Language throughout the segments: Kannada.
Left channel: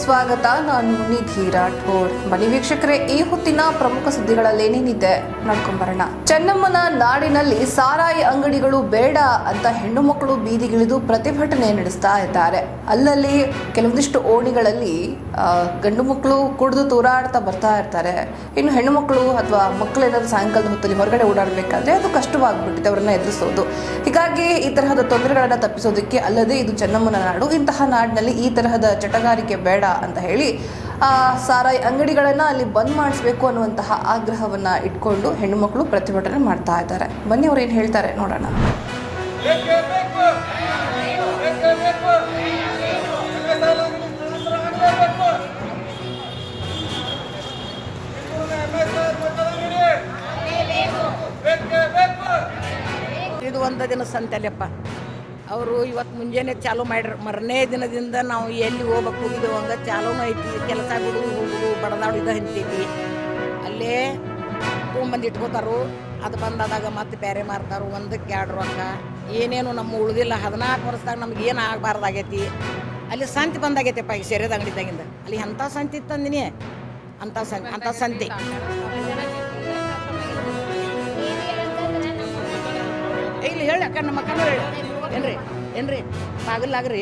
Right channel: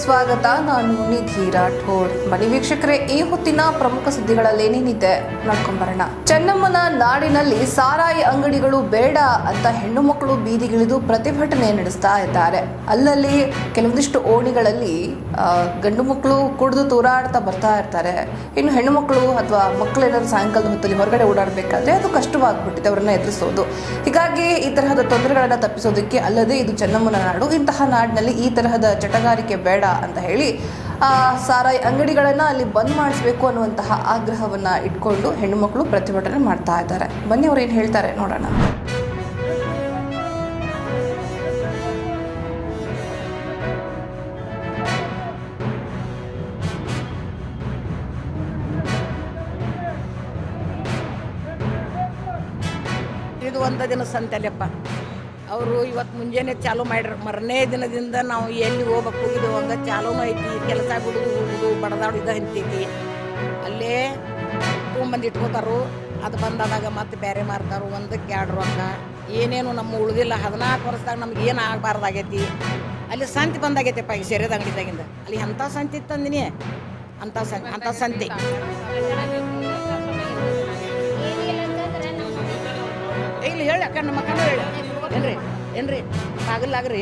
ಸ್ವಾಗತ. ನಾನು ನಿಧಿ ರಾಠೋಡ್. ಬನ್ನಿ ವೀಕ್ಷಕರೇ, ಈ ಹೊತ್ತಿನ ಪ್ರಮುಖ ಸುದ್ದಿಗಳಲ್ಲಿ ಏನೇನಿದೆ? ನೋಡ್ಕೊಂಬರೋಣ ಚೆನ್ನಮ್ಮನ ನಾಡಿನಲ್ಲಿ ಸಾರಾಯಿ ಅಂಗಡಿಗಳು ಬೇಡ ಅಂತ ಹೆಣ್ಣು ಮಕ್ಕಳು ಬೀದಿಗಿಳಿದು ಪ್ರತಿಭಟನೆ ನಡೆಸ್ತಾ ಇದ್ದಾರೆ. ಅಲ್ಲಲ್ಲಿ ಕೆಲವೊಂದಿಷ್ಟು ಓಣಿಗಳಲ್ಲಿ ಗಂಡು ಮಕ್ಕಳು ಕುಡಿದು ತೂರಾಡ್ತಾ ಬರ್ತಾ ಇರ್ತಾರೆ. ಇನ್ನು ಹೆಣ್ಣು ಮಕ್ಕಳು ಅಥವಾ ಮಕ್ಕಳೇನಾದ್ರು ಸಾಯಂಕಾಲದ ಹೊತ್ತಲ್ಲಿ ಹೊರಗಡೆ ಓಡಾಡಬೇಕಾದ್ರೆ ಅದು ಕಷ್ಟವಾಗ್ಬಿಟ್ಟಿದೆ ಅವರನ್ನ ಎದುರಿಸೋದು. ಹೀಗಾಗಿ ಈ ತರಹದ ತೊಂದರೆಗಳನ್ನು ತಪ್ಪಿಸೋದಕ್ಕೆ ಅಲ್ಲದೆ ಇದು ಚೆನ್ನಮ್ಮನ ನಾಡು. ಇಂತಹ ನಾಡಿನಲ್ಲಿ ಈ ತರಹದ ಚಟಗಾರಿಕೆ ಬೇಡ ಅಂತ ಹೇಳಿ ಸಾರಾಯಿ ಅಂಗಡಿಗಳನ್ನು ಅಲ್ಲಿ ಬಂದ್ ಮಾಡಿಸ್ಬೇಕು ಅನ್ನುವಂತಹ ಆಗ್ರಹವನ್ನು ಇಟ್ಕೊಂಡು ಹೆಣ್ಣುಮಕ್ಕಳು ಪ್ರತಿಭಟನೆ ಮಾಡ್ತಾ ಇದ್ದಾರೆ. ಬನ್ನಿ ಅವ್ರು ಏನು ಹೇಳ್ತಾರೆ ನೋಡೋಣ. ಇದು ಒಂದು ದಿನ ಸಂತೆಲೆಪ್ಪ ಅವರು ಇವತ್ತು ಮುಂಜಾನೆ ಚಾಲು ಮಾಡ್ಯಾರ ಮರನೇ ದಿನದಿಂದ ನಾವು ಎಲ್ಲಿ ಹೋಗ್ಬೇಕು ಹೋಗಿದ್ದೆವು ಹಂಗೆ ಚಾಲೂನು ಐತಿ ಕೆಲಸ ಬಿಡುದು ಹೋಗುದು ಬಡದಾಡು ಇದು ಹಂತೈತಿ ಅಲ್ಲೇ ತೊಗೊಂಬಂದು ಇಟ್ಕೋತಾರು ಅದು ಬಂದಾದಾಗ ಮತ್ತೆ ಬೇರೆ ಮಾರ್ತಾರು ಒಂದಕ್ಕೆ ಎರಡು ರೊಕ್ಕ. ಏನೇನು ನಮ್ಮ ಉಳಿದಿಲ್ಲ ಹದಿನಾಲ್ಕು ವರ್ಷದಾಗ ನಮ್ಗೆ ಏನು ಆಗಬಾರ್ದಾಗೈತಿ. ಅಲ್ಲಿ ಸಂತಿ ಬಂದಾಗೈತೆಪ್ಪ ಈ ಸೆರೆದ ಅಂಗಡಿದಾಗಿಂದ. ಅಲ್ಲಿ ಅಂಥ ಸಂತಿ ಇತ್ತಂದಿನಿ ಅಂಥ ಸಂತೆ ಅಂಥ ಸಂತಿ? ಇಲ್ಲಿ ಹೇಳಿ ಅಕ್ಕ ನಮ್ಮ ಅಕ್ಕನೂ ಹೇಳಿ. ಏನ್ರಿ ಏನ್ರಿ ಬಾಗಿಲಾಗ್ರಿ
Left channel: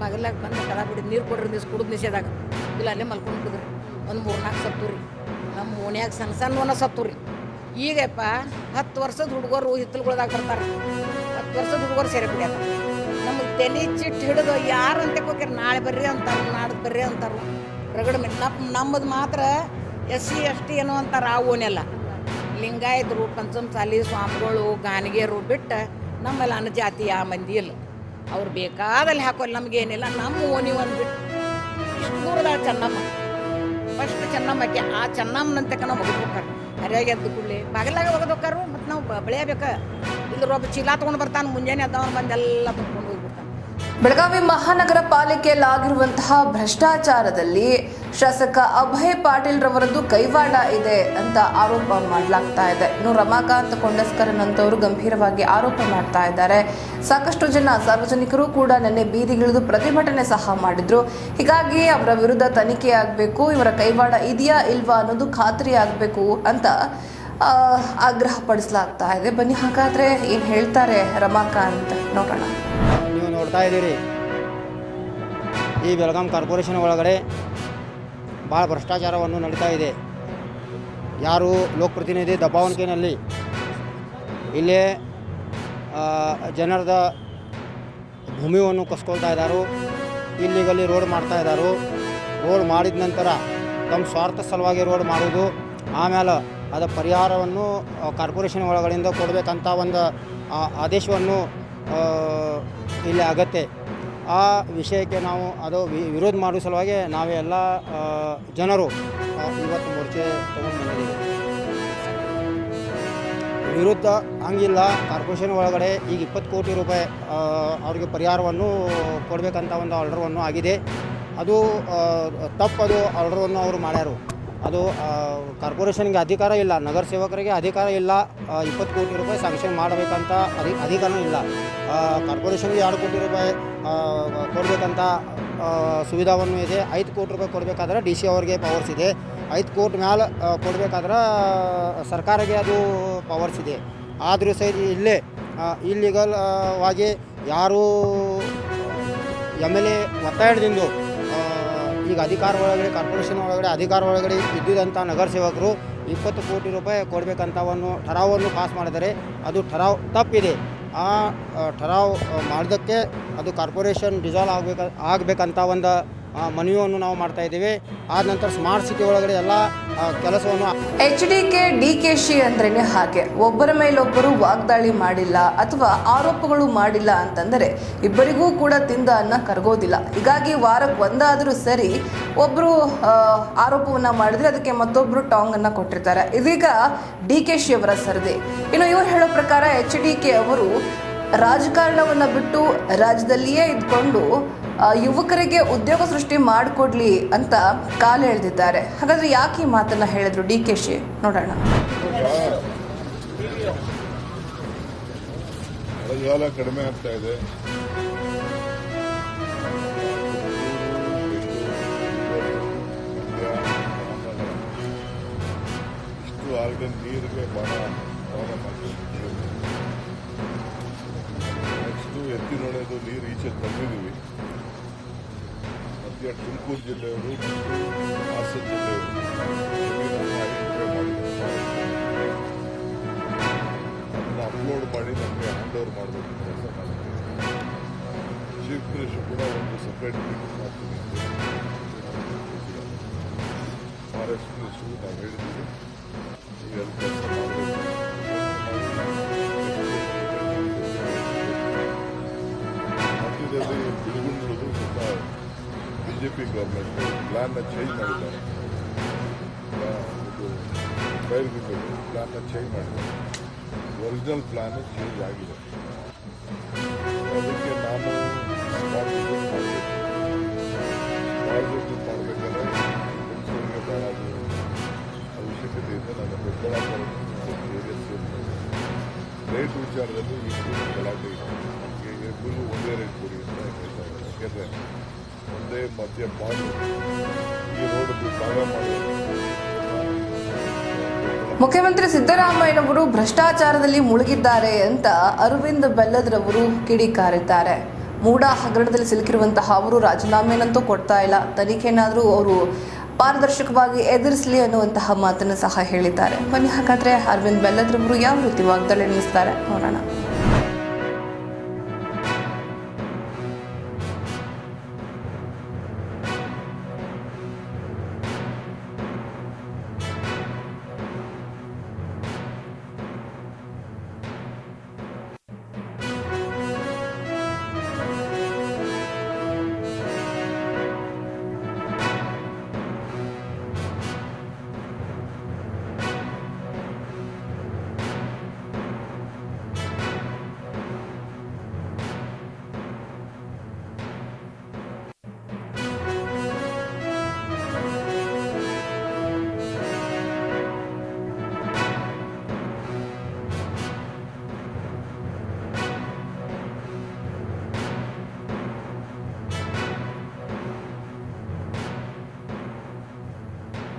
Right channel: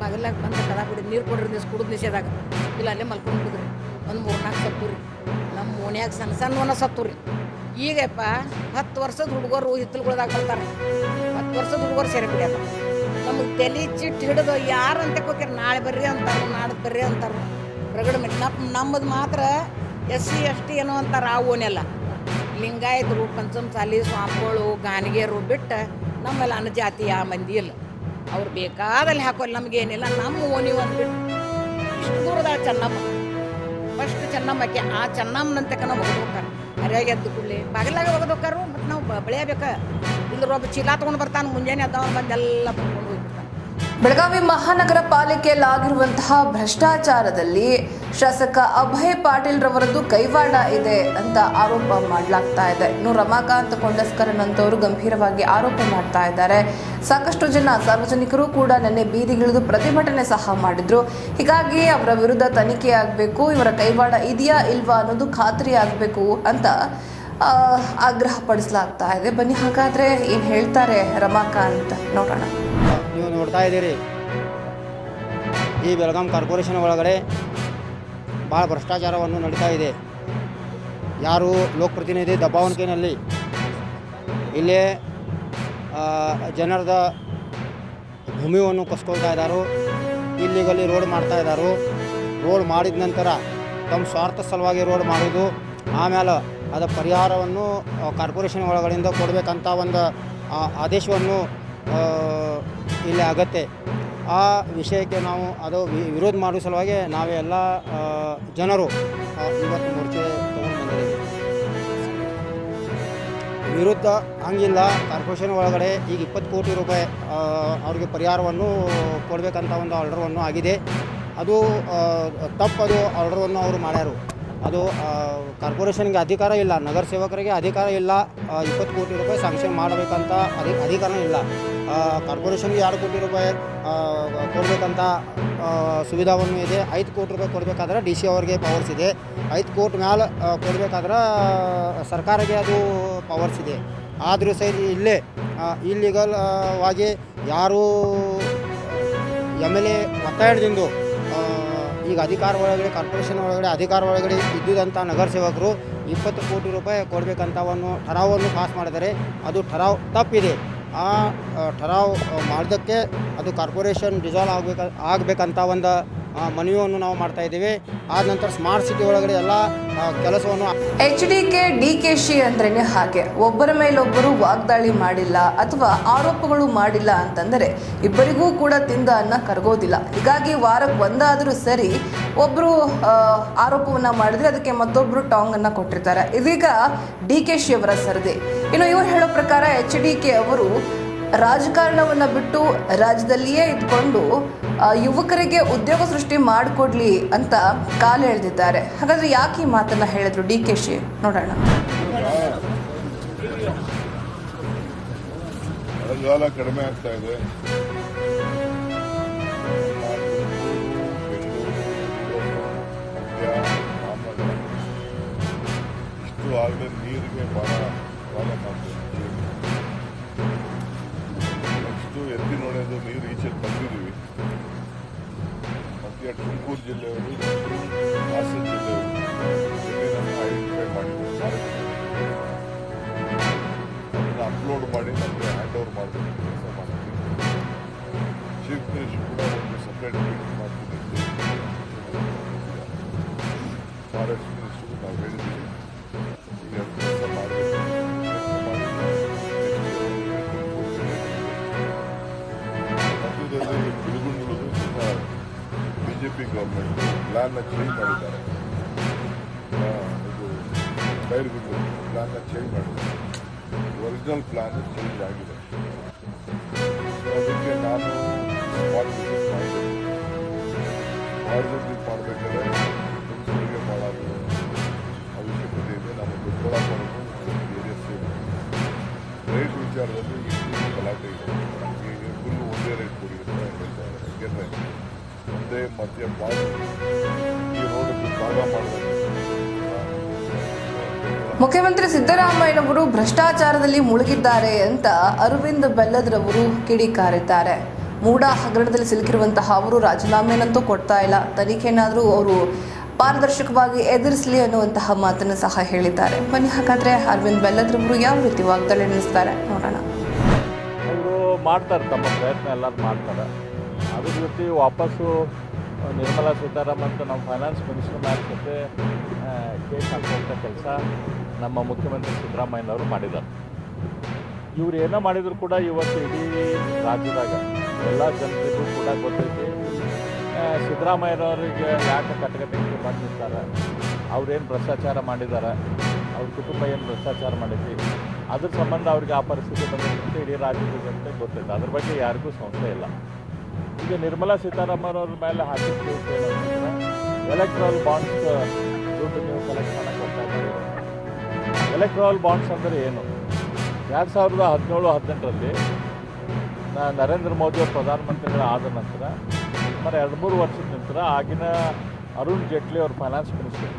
ಬಾಗಿಲಾಗ ಬಂದು ಕದ ಬಿಡಿ ನೀರು ಕೊಡ್ರಿ ನಿಸ್ ಕುಡಿದ್ ನಿಷೇದಾಗ ಇಲ್ಲ, ಅಲ್ಲೇ ಮಲ್ಕೊಂಡು ಬಿಡ್ರಿ ಒಂದು ಮೂರ್ನಾಲ್ಕು ಸತ್ತು ರೀ ನಮ್ಮ ಓಣ್ಯಾಗ ಸಣ್ಣ ಸಣ್ಣವನ್ನ ಸತ್ತು ರೀ ಈಗಪ್ಪ, ಹತ್ತು ವರ್ಷದ ಹುಡುಗರು ಹಿತ್ತಲುಗಳದಾಗ ಬರ್ತಾರೆ ಹತ್ತು ವರ್ಷದ ಹುಡುಗರು ಸೇರಿ ಬಿಡ್ಯಾರ. ನಮಗೆ ತಲೆ ಚಿಟ್ಟು ಹಿಡಿದು ಯಾರು ಅಂತ ಹೋಗ್ಯಾರ ನಾಳೆ ಬರ್ರಿ ಅಂತಾರು, ನಾಡ್ದು ಬರ್ರಿ ಅಂತಾರು. ರಗಡ ಮೇಲೆ ನಮ್ಮ ನಮ್ಮದು ಮಾತ್ರ ಎಸ್ ಸಿ, ಎಸ್ ಟಿ ಏನೋ ಅಂತಾರೆ, ಆ ಓನೆಲ್ಲ ಲಿಂಗಾಯತರು, ಪಂಚಮಸಾಲಿ, ಸ್ವಾಮಿಗಳು ಗಾನಿಗೆರು ಬಿಟ್ಟು ನಮ್ಮಲ್ಲಿ ಅನುಜಾತಿ ಆ ಮಂದಿ ಇಲ್ಲ. ಅವ್ರು ಬೇಕಾದಲ್ಲಿ ಹಾಕೋಲ್ಲ ನಮಗೇನಿಲ್ಲ, ನಮ್ಮ ಓಣಿ ಒಂದು ಇಷ್ಟು ದೂರದ ಚೆನ್ನಮ್ಮ. ಫಸ್ಟ್ ಚೆನ್ನಮ್ಮಕ್ಕೆ, ಆ ಚೆನ್ನಮ್ಮನಂತಕ ನಾವು ಒಗದು ಹೋಗ್ತಾರೆ. ಹರಿಯಾಗಿ ಎದ್ದು ಕೂಡಲೇ, ಬಾಗಿಲಾಗ ಒಗದು ಹೋಗ್ತಾರು, ಮತ್ತು ನಾವು ಬೆಳೆಯಬೇಕು? ಇಲ್ಲರೊಬ್ಬ ಚೀಲ ತೊಗೊಂಡು ಬರ್ತಾನೆ, ಮುಂಜಾನೆ ಅದ್ದವನು ಬಂದೆಲ್ಲ ತೊಗೊಂಡು ಹೋಗ್ಬಿಡ್ತಾನೆ. ಬೆಳಗಾವಿ ಮಹಾನಗರ ಪಾಲಿಕೆಯಲ್ಲಿ ಆಗಿರುವಂತಹ ಭ್ರಷ್ಟಾಚಾರದಲ್ಲಿ ಶಾಸಕ ಅಭಯ್ ಪಾಟೀಲ್ ರವರದ್ದು ಕೈವಾಡ ಇದೆ ಅಂತ ಆರೋಪ ಮಾಡಲಾಗ್ತಾ ಇದೆ. ಇನ್ನು ರಮಾಕಾಂತ್ ಕೊಂಡಸ್ಕರನ್ ಅಂತವರು ಗಂಭೀರವಾಗಿ ಆರೋಪ ಮಾಡ್ತಾ ಇದ್ದಾರೆ. ಸಾಕಷ್ಟು ಜನ ಸಾರ್ವಜನಿಕರು ಕೂಡ ನಿನ್ನೆ ಬೀದಿಗಿಳಿದು ಪ್ರತಿಭಟನೆ ಸಹ ಮಾಡಿದ್ರು. ಹೀಗಾಗಿ ಅವರ ವಿರುದ್ಧ ತನಿಖೆ ಆಗಬೇಕು, ಇವರ ಕೈವಾಡ ಇದೆಯಾ ಇಲ್ವಾ ಅನ್ನೋದು ಖಾತ್ರಿ ಆಗಬೇಕು ಅಂತ ಆಗ್ರಹ ಪಡಿಸಲಾಗ್ತಾ ಇದೆ. ಬನ್ನಿ, ಹಾಗಾದ್ರೆ ಏನು ಹೇಳ್ತಾರೆ ರಮಾಕಾಂತ್? ನೋಡೋಣ. ನೀವು ನೋಡ್ತಾ ಇದ್ದೀರಿ. ಈ ಬೆಳಗಾಂ ಕಾರ್ಪೊರೇಷನ್ ಒಳಗಡೆ ಭಾಳ ಭ್ರಷ್ಟಾಚಾರವನ್ನು ನಡೀತಾ ಇದೆ. ಯಾರು ಲೋಕಪ್ರತಿನಿಧಿ ದಬ್ಬಾವಣಿಕೆಯಲ್ಲಿ ಇಲ್ಲೇ ಜನರದ ಭೂಮಿಯನ್ನು ಕಸ್ಕೊಳ್ತಾ ಇದ್ದಾರೋ, ಇಲ್ಲಿಗಲ್ಲಿ ರೋಡ್ ಮಾಡ್ತಾ ಇದ್ದಾರೋ, ರೋಡ್ ಮಾಡಿದ ನಂತರ ತಮ್ಮ ಸ್ವಾರ್ಥ ಸಲುವಾಗಿ ರೋಡ್ ಮಾಡೋದು ಆಮೇಲೆ ಅದರ ಪರಿಹಾರವನ್ನು ಕಾರ್ಪೊರೇಷನ್ ಒಳಗಡೆಯಿಂದ ಕೊಡಬೇಕಂತ ಒಂದು ಆದೇಶವನ್ನು ಇಲ್ಲಿ ಆಗತ್ತೆ. ಆ ವಿಷಯಕ್ಕೆ ನಾವು ಅದು ವಿರೋಧ ಮಾಡುವ ಸಲುವಾಗಿ ನಾವೆಲ್ಲ ಜನರು ಇವತ್ತು ಮೋರ್ಚೆ ತೊಗೊಂಡು ಬಂದಿದ್ದೀವಿ. ವಿರುದ್ಧ ಹಂಗಿಲ್ಲ. ಕಾರ್ಪೊರೇಷನ್ ಒಳಗಡೆ ಈಗ ಇಪ್ಪತ್ತು ಕೋಟಿ ರೂಪಾಯಿ ಅವ್ರಿಗೆ ಪರಿಹಾರವನ್ನು ಕೊಡಬೇಕಂತ ಒಂದು ಆರ್ಡರ್ವನ್ನು ಆಗಿದೆ. ಅದು ತಪ್ಪದು ಆರ್ಡರನ್ನು ಅವರು ಮಾಡ್ಯಾರು. ಅದು ಕಾರ್ಪೊರೇಷನ್ಗೆ ಅಧಿಕಾರ ಇಲ್ಲ. ನಗರ ಸೇವಕರಿಗೆ ಅಧಿಕಾರ ಇಲ್ಲ. ಇಪ್ಪತ್ತು ಕೋಟಿ ರೂಪಾಯಿ ಸ್ಯಾಂಕ್ಷನ್ ಮಾಡಬೇಕಂತ ಅಧಿ ಅಧಿಕಾರ ಇಲ್ಲ. ಕಾರ್ಪೊರೇಷನ್ಗೆ ಎರಡು ಕೋಟಿ ರೂಪಾಯಿ ಕೊಡಬೇಕಂತ ಸುವಿಧಾವನ್ನು ಇದೆ. ಐದು ಕೋಟಿ ರೂಪಾಯಿ ಕೊಡಬೇಕಾದ್ರೆ ಡಿ ಸಿ ಅವ್ರಿಗೆ ಪವರ್ಸ್ ಇದೆ. ಐದು ಕೋಟಿ ಮ್ಯಾಲೆ ಕೊಡಬೇಕಾದ್ರೆ ಸರ್ಕಾರಕ್ಕೆ ಅದು ಪವರ್ಸ್ ಇದೆ. ಆದರೂ ಸಹಿತ ಇಲ್ಲೇ ಇಲ್ಲಿಗಲ್ ಆಗಿ ಯಾರು, ಎಂ ಎಲ್ ಎ ಒತ್ತಾಯದಿಂದ ಈಗ ಅಧಿಕಾರ ಒಳಗಡೆ, ಕಾರ್ಪೊರೇಷನ್ ಒಳಗಡೆ, ಅಧಿಕಾರ ಒಳಗಡೆ ಇದ್ದಿದ್ದಂಥ ನಗರ ಸೇವಕರು ಇಪ್ಪತ್ತು ಕೋಟಿ ರೂಪಾಯಿ ಕೊಡಬೇಕಂತ ಒಂದು ಠರಾವನ್ನು ಪಾಸ್ ಮಾಡಿದರೆ ಅದು ಠರಾವ್ ತಪ್ಪಿದೆ. ಆ ಠರಾವ್ ಮಾಡಿದ್ದಕ್ಕೆ ಅದು ಕಾರ್ಪೊರೇಷನ್ ಡಿಸಾಲ್ವ್ ಆಗಬೇಕ ಆಗಬೇಕಂತ ಒಂದು ಮನವಿಯನ್ನು ನಾವು ಮಾಡ್ತಾ ಇದ್ದೀವಿ. ಆದ ನಂತರ ಸ್ಮಾರ್ಟ್ ಸಿಟಿ ಒಳಗಡೆ ಎಲ್ಲ ಕೆಲಸವನ್ನು H D K D K she ಅಂದ್ರೇನೆ ಹಾಗೆ. ಒಬ್ಬರ ಮೇಲೊಬ್ಬರು ವಾಗ್ದಾಳಿ ಮಾಡಿಲ್ಲ ಅಥವಾ ಆರೋಪಗಳು ಮಾಡಿಲ್ಲ ಅಂತಂದರೆ ಇಬ್ಬರಿಗೂ ಕೂಡ ತಿಂದ ಅನ್ನ ಕರಗೋದಿಲ್ಲ. ಹೀಗಾಗಿ ವಾರಕ್ಕೆ ಒಂದಾದರೂ ಸರಿ ಒಬ್ಬರು ಆರೋಪವನ್ನು ಮಾಡಿದ್ರೆ ಅದಕ್ಕೆ ಮತ್ತೊಬ್ಬರು ಟಾಂಗನ್ನು ಕೊಟ್ಟಿರ್ತಾರೆ. ಇದೀಗ ಡಿ ಕೆ ಶಿ ಅವರ ಸರದಿ. ಇನ್ನು ಇವರು ಹೇಳೋ ಪ್ರಕಾರ ಎಚ್ ಡಿ ಕೆ ಅವರು ರಾಜಕಾರಣವನ್ನು ಬಿಟ್ಟು ರಾಜ್ಯದಲ್ಲಿಯೇ ಇದ್ಕೊಂಡು ಯುವಕರಿಗೆ ಉದ್ಯೋಗ ಸೃಷ್ಟಿ ಮಾಡಿಕೊಡ್ಲಿ ಅಂತ ಕಾಲು ಎಳೆದಿದ್ದಾರೆ. ಹಾಗಾದ್ರೆ ಯಾಕೆ ಈ ಮಾತನ್ನ ಹೇಳಿದ್ರು ಡಿ ಕೆ ಶಿ? ನೋಡೋಣ. ಕಡಿಮೆ ಆಗ್ತಾ ಇದೆ. ಇಷ್ಟು ಆಗಲೇ ನೀರಿಗೆ ಬಹಳ ಪ್ರಾಬ್ಲಮ್ ಆಗ್ತದೆ. ನೆಕ್ಸ್ಟು ನೋಡೋದು, ನೀರು ಈಚೆ ತಂದಿದ್ದೀವಿ. ಮಧ್ಯ ತುಮಕೂರು ಜಿಲ್ಲೆಯವರು ಮತ್ತು ಹಾಸನ ಜಿಲ್ಲೆಯವರು ಐಡೆಂಟಿಫೈ ಅದನ್ನು ಅಪ್ಲೋಡ್ ಮಾಡಿ ನಮಗೆ ಹ್ಯಾಂಡ್ ಓವರ್ ಮಾಡಬೇಕು ಕೆಲಸ ಮಾಡೋಕ್ಕೆ. ಚೀಫ್ ಮಿನಿಸ್ಟರ್ ಕೂಡ ಒಂದು ಸಪ್ರೇಟ್ ಮೀಟಿಂಗ್ ಮಾಡ್ತೀನಿ ಫಾರೆಸ್ಟ್ ಮಿನಿಸ್ಟ್ರಿಗೂ ನಾವು ಹೇಳಿದ್ದೀವಿ. ಈಗ ಕೆಲಸ ಮಾಡಬೇಕು ಮಾಡಿ ಜೆ ಪಿ ಗೌರ್ಮೆಂಟು ಪ್ಲ್ಯಾನ್ನ ಚೇಂಜ್ ಮಾಡಿದ್ದಾರೆ. ಇದು ಬೈರ್ಗುಂಡು ಪ್ಲ್ಯಾನ್ನ ಚೇಂಜ್ ಮಾಡಿದ್ದಾರೆ. ಒರಿಜಿನಲ್ ಪ್ಲ್ಯಾನ್ ಚೇಂಜ್ ಆಗಿದೆ. ಅದಕ್ಕೆ ನಾನು ಸ್ಪಾಟ್ ಮಾಡಬೇಕು. ಸ್ಪಾಟ್ ಮಾಡಬೇಕಾದ್ರೆ ತುಮಕೂರಿಗೆ ಭಾಳ ಅದು ಅವಶ್ಯಕತೆ ಇದೆ. ನಮ್ಮ ದೊಡ್ಡಬಳ್ಳಾಪುರನು ಒಂದು ಏರಿಯಾ ಸೇಮ್ ರೇಟ್ ವಿಚಾರದಲ್ಲಿ ಈ ಗಲಾಟೆ ಇದೆ. ನಮಗೆ ಎಲ್ಲರಿಗೂ ಒಂದೇ ರೇಟ್ ಕೊಡಿ ಅಂತ ಹೇಳ್ತಾ ಇದ್ದಾರೆ. ಯಾಕೆಂದರೆ ಒಂದೇ ಮಧ್ಯ ಈ ರೋಡ್ ಭಾಗ ಮಾಡಬೇಕು ಮುಖ್ಯಮಂತ್ರಿ ಸಿದ್ದರಾಮಯ್ಯನವರು ಭ್ರಷ್ಟಾಚಾರದಲ್ಲಿ ಮುಳುಗಿದ್ದಾರೆ ಅಂತ ಅರವಿಂದ್ ಬೆಲ್ಲದ್ರವರು ಕಿಡಿಕಾರಿದ್ದಾರೆ ಮೂಡ ಹಗರಣದಲ್ಲಿ ಸಿಲುಕಿರುವಂತಹ ಅವರು ರಾಜೀನಾಮೆನಂತೂ ಕೊಡ್ತಾ ಇಲ್ಲ. ತನಿಖೆನಾದರೂ ಅವರು ಪಾರದರ್ಶಕವಾಗಿ ಎದುರಿಸಲಿ ಅನ್ನುವಂತಹ ಮಾತನ್ನು ಸಹ ಹೇಳಿದ್ದಾರೆ. ಬನ್ನಿ ಹಾಗಾದ್ರೆ ಅರವಿಂದ್ ಬೆಲ್ಲದ್ರವರು ಯಾವ ರೀತಿ ವಾಗ್ದಾಳಿ ನಡೆಸ್ತಾರೆ ನೋಡೋಣ. ಮಾಡ್ತಾರೆ. ಅದ್ರ ಜೊತೆ ವಾಪಸ್ಸು ನಿರ್ಮಲಾ ಸೀತಾರಾಮನ್ ನಮ್ಮ ಫೈನಾನ್ಸ್ ಮಿನಿಸ್ಟರ್ ಜೊತೆ ಕೇಸ್ ಹಾಕುವಂಥ ಕೆಲಸ ನಮ್ಮ ಮುಖ್ಯಮಂತ್ರಿ ಸಿದ್ದರಾಮಯ್ಯನವರು ಮಾಡಿದ್ದಾರೆ. ಇವ್ರು ಏನೋ ಮಾಡಿದ್ರು ಕೂಡ ಇವತ್ತು ಇಡೀ ರಾಜ್ಯದಾಗ ಎಲ್ಲ ಜನರಿಗೂ ಕೂಡ ಗೊತ್ತೈತಿ. ಸಿದ್ದರಾಮಯ್ಯನವರಿಗೆ ಯಾಕೆ ಕಟ್ಟಗಟ್ಟೆ ಮಾಡಿರ್ತಾರೆ ಅವ್ರೇನು ಭ್ರಷ್ಟಾಚಾರ ಮಾಡಿದ್ದಾರೆ? ಅವ್ರ ಕುಟುಂಬ ಏನು ಭ್ರಷ್ಟಾಚಾರ ಮಾಡೈತಿ ಅದ್ರ ಸಂಬಂಧ ಅವ್ರಿಗೆ ಆ ಪರಿಸ್ಥಿತಿ ಬಂದಿರುತ್ತೆ ಇಡೀ ರಾಜ್ಯದ ಅಂತ ಗೊತ್ತಿಲ್ಲ. ಅದ್ರ ಬಗ್ಗೆ ಯಾರಿಗೂ ಸಂಶಯ ಇಲ್ಲ. ಈಗ ನಿರ್ಮಲಾ ಸೀತಾರಾಮನ್ ಅವ್ರ ಮೇಲೆ ಹಾಕಿದ ಎಲೆಕ್ಟ್ರಲ್ ಬಾಂಡ್ಸ್ ಎಲೆಕ್ಟ್ರಾಲ್ ಬಾಂಡ್ಸ್ ಅಂದರೆ ಏನು? ಎರಡು ಸಾವಿರದ ಹದಿನೇಳು, ಹದಿನೆಂಟರಲ್ಲಿ ನರೇಂದ್ರ ಮೋದಿ ಅವರು ಪ್ರಧಾನಮಂತ್ರಿಗಳು ಆದ ನಂತರ, ಸುಮಾರು ಎರಡು ಮೂರು ವರ್ಷದ ನಂತರ ಆಗಿನ ಅರುಣ್ ಜೇಟ್ಲಿ ಅವರು ಫೈನಾನ್ಸ್ ಮಿನಿಸ್ಟರ್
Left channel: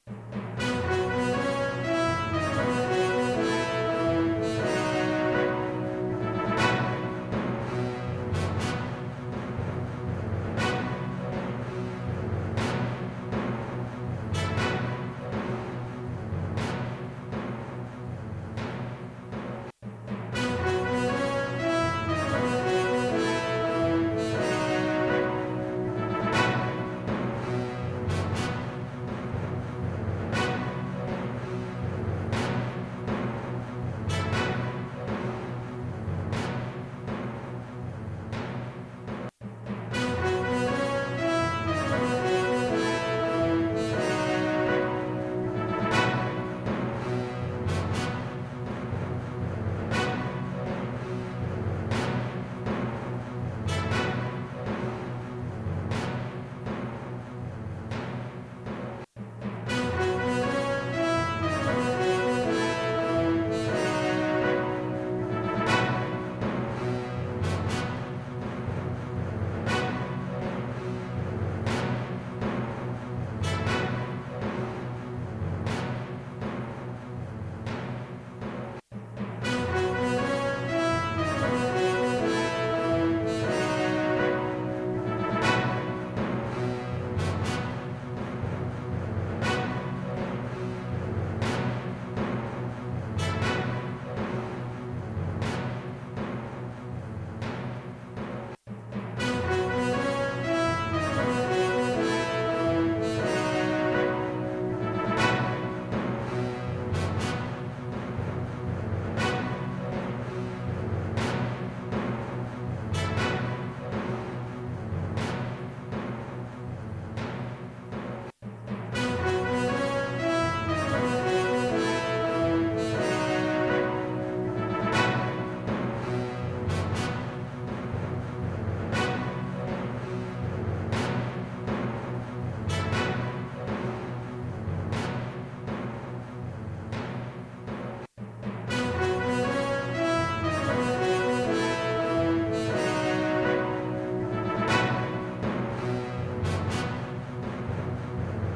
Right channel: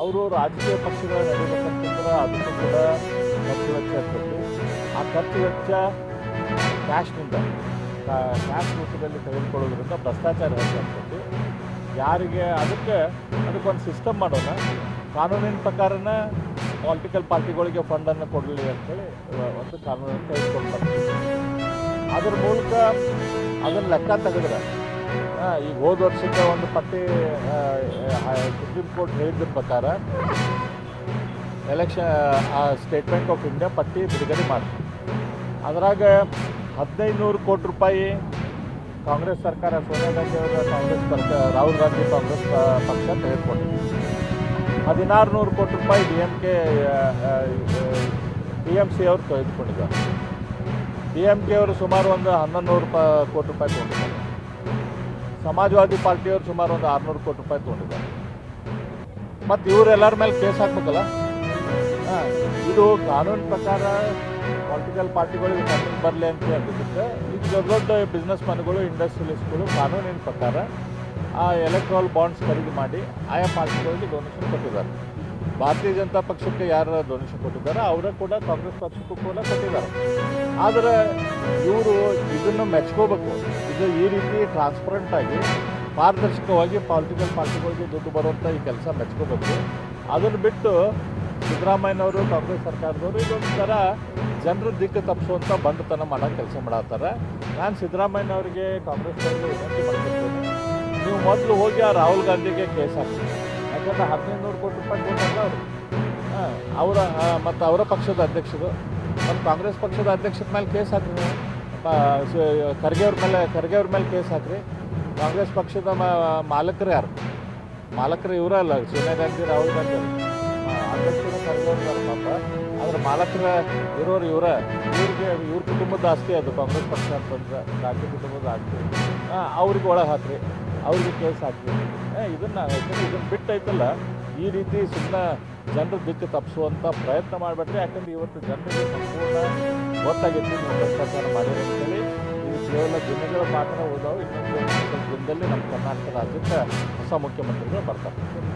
ಅವರು ರಾಜಕೀಯ ಪಕ್ಷಗಳ ನಡೀಬೇಕಂತಂದ್ರೆ ಅದಕ್ಕೂ ಕೂಡ ಖರ್ಚು ವೆಚ್ಚ. ಆ ಖರ್ಚು ಕ್ಯಾಶ್ ರೂಪದಲ್ಲಿ ತೆಗೆದುಕೊಳ್ಳೋದ್ರಿಂದ ಭ್ರಷ್ಟಾಚಾರ ಹೆಚ್ಚಾಗ್ತೈತಿ ಯಾರಿಗೆ ಅದಕ್ಕೆ ಅದಕ್ಕೊಂದು ಸಿಸ್ಟಮ್ ಮಾಡೋಣ. ಕಾನೂನಿನ ಪ್ರಕಾರನ ಪೊಲಿಟಿಕಲ್ ಪಾರ್ಟಿಗಳಿಗೆ ಫಂಡನ್ನು ಕೊಡಲಿ ಅಂತೇಳಿ ಒಂದು ಕಾನೂನನ್ನು ತೆಗೆದುಕೊಳ್ತಾರೆ ಅದ್ರ ಮೂಲಕ ಅದನ್ನು ಲೆಕ್ಕ ತೆಗೆದ್ರೆ ಈ ಹೋದ ವರ್ಷದ ಒಂದು ಪಟ್ಟಿ ಸುಪ್ರೀಂ ಕೋರ್ಟ್ ಹೇಳಿದ್ರ ಪ್ರಕಾರ election State Bank of India ಪಟ್ಟಿ ಬಿಡುಗಡೆ ಮಾಡ್ತೀವಿ ಅದ್ರಾಗ ಹದಿನೈದು ನೂರು ಕೋಟಿ ರೂಪಾಯಿ ಕಾಂಗ್ರೆಸ್ ಸರ್ಕಾರ ಸೋನಿಯಾ ಗಾಂಧಿ ಅವರ ಕಾಂಗ್ರೆಸ್ ಪಕ್ಷ, ರಾಹುಲ್ ಗಾಂಧಿ ಕಾಂಗ್ರೆಸ್ ಪಕ್ಷ ತೆಗೆದುಕೊಂಡಿದೆ. ಹದಿನಾರು ನೂರು ಕೋಟಿ ರೂಪಾಯಿ D M K D M C ಅವರು ತೆಗೆದುಕೊಂಡಿದ್ದಾರೆ. ಡಿ ಎಂ ಕೆ ಅವರು ಸುಮಾರು ಒಂದು ಹನ್ನೊಂದು ನೂರು ಕೋಟಿ ರೂಪಾಯಿ ತೊಗೊಂಡಿದ್ದಾರೆ. ಸಮಾಜವಾದಿ ಪಾರ್ಟಿಯವರು ಸುಮಾರು ಒಂದು ಆರುನೂರು ಕೋಟಿ ರೂಪಾಯಿ ತೊಗೊಂಡಿದ್ದಾರೆ. ಮತ್ತು ಇವರೆಲ್ಲರ ಮೇಲೆ ಕೇಸ್ ಹಾಕ್ಬೇಕಲ್ಲ? ಇದು ಕಾನೂನು ಪ್ರಕಾರ ಪೊಲಿಟಿಕಲ್ ಪಾರ್ಟಿಗಳಿಗೆ ಬರಲಿ ಅಂತ ಹೇಳ್ತಿದ್ದೆ ಇದು ದೊಡ್ಡ ದೊಡ್ಡ ಬಿಸ್ನೆಸ್ ಮನ್ಗಳು ಇಂಡಸ್ಟ್ರಿಯಲಿಸ್ಟ್ಗಳು ಕಾನೂನಿನ ಪ್ರಕಾರ ಆ ಎಲೆಕ್ಟ್ರಾಲ್ ಬಾಂಡ್ಸ್ ಖರೀದಿ ಮಾಡಿ ಆಯಾ ಪಾರ್ಟಿಗಳಿಗೆ ಡೊನೇಷನ್ ಕೊಟ್ಟಿದ್ದಾರೆ. ಭಾರತೀಯ ಜನತಾ ಪಕ್ಷಕ್ಕೆ ಯಾರು ಡೊನೇಷನ್ ಕೊಟ್ಟಿದ್ದಾರೆ, ಅವರೇ ಕೂಡ ಕಾಂಗ್ರೆಸ್ ಪಕ್ಷಕ್ಕೂ ಕೂಡ ಕೊಟ್ಟಿದ್ದಾರೆ. ಆದರೆ ಇವರು ಇದನ್ನು ಮೆಚ್ಕೋಬೇಕು. ಇದು ಈ ರೀತಿ ಟ್ರಾನ್ಸ್ಪರೆಂಟ್ ಆಗಿ ಪಾರದರ್ಶಕವಾಗಿ ಪೊಲಿಟಿಕಲ್ ಪಾರ್ಟಿಗಳಿಗೆ ದುಡ್ಡು ಬರುವಂಥ ಈ ಕೆಲಸ ಮೆಚ್ಕೋಬೇಕು. ಅದನ್ನು ಬಿಟ್ಟು ಸಿದ್ದರಾಮಯ್ಯನವರು, ಕಾಂಗ್ರೆಸ್ ಸರ್ಕಾರದವರು ಇದೊಂದು ಥರ ಜನರ ದಿಕ್ಕು ತಪ್ಪಿಸುವಂತ ಬಂದತನ ಮಾಡೋ ಕೆಲಸ ಮಾಡತ್ತಾರೆ. ನಾನು ಸಿದ್ದರಾಮಯ್ಯನವರಿಗೆ ಕಾಂಗ್ರೆಸ್ ನೀವು ಮೊದಲು ಹೋಗಿ ಆ ರಾಹುಲ್ ಗಾಂಧಿಗೆ ಕೇಸ್ ಹಾಕ್ತೀವಿ ಅದನ್ನು ಹದಿನೈದು ನೂರು ಕೋಟಿ ರೂಪಾಯಿ ಕೊಟ್ಟಿದ್ದಾರೆ ಅವರ ಮತ್ತು ಅವರ ಪಕ್ಷದ ಅಧ್ಯಕ್ಷರು. ಮತ್ತು ಕಾಂಗ್ರೆಸ್ ಪಕ್ಷದ ಅಧ್ಯಕ್ಷರ ಮೇಲೆ ಕೇಸ್ ಹಾಕ್ರಿ. ಖರ್ಗೆ ಅವ್ರ ಮೇಲೆ, ಖರ್ಗೆ ಅವ್ರ ಮೇಲೆ ಕೇಸ್ ಹಾಕ್ರಿ. ಕಾಂಗ್ರೆಸ್ ಪಕ್ಷದ ಮಾಲಕರು ಯಾರು? ಮಾಲಕರು ಇವರೇ ಅಲ್ಲ ಸೋನಿಯಾ ಗಾಂಧಿ ರಾಹುಲ್ ಗಾಂಧಿ. ಆದ್ರೆ ಮಾಲಕರ ಇರೋರು ಇವರ ಇವ್ರಿಗೆ ಇವ್ರ ಕುಟುಂಬದ ಆಸ್ತಿ ಅದು ಕಾಂಗ್ರೆಸ್ ಪಕ್ಷ ಅಂತಂದ್ರೆ ರಾಜ್ಯ ಕುಟುಂಬದ ಆಸ್ತಿ ಅವ್ರಿಗೆ ಒಳಗೆ ಹಾಕ್ರಿ ಅವ್ರಿಗೆ ಕೇಸ್ ಹಾಕ್ರಿ ಇದನ್ನ ಇದನ್ನ ಬಿಟ್ಟೈತಲ್ಲ ಈ ರೀತಿ ಸುಮ್ಮನೆ ಜನರ ದಿಕ್ಕು ತಪ್ಪಿಸುವಂಥ ಪ್ರಯತ್ನ ಮಾಡಬೇಡ್ರಿ ಯಾಕಂದ್ರೆ ಇವತ್ತು ಜನರಿಗೆ ಸಂಪೂರ್ಣ ಕೇವಲ ದಿನಗಳ ಮಾತ್ರ ಹೋದವು ದಿನದಲ್ಲಿ ನಮ್ಮ ಕರ್ನಾಟಕ ರಾಜ್ಯಕ್ಕೆ ಹೊಸ ಮುಖ್ಯಮಂತ್ರಿಗಳು ಬರ್ತಾರೆ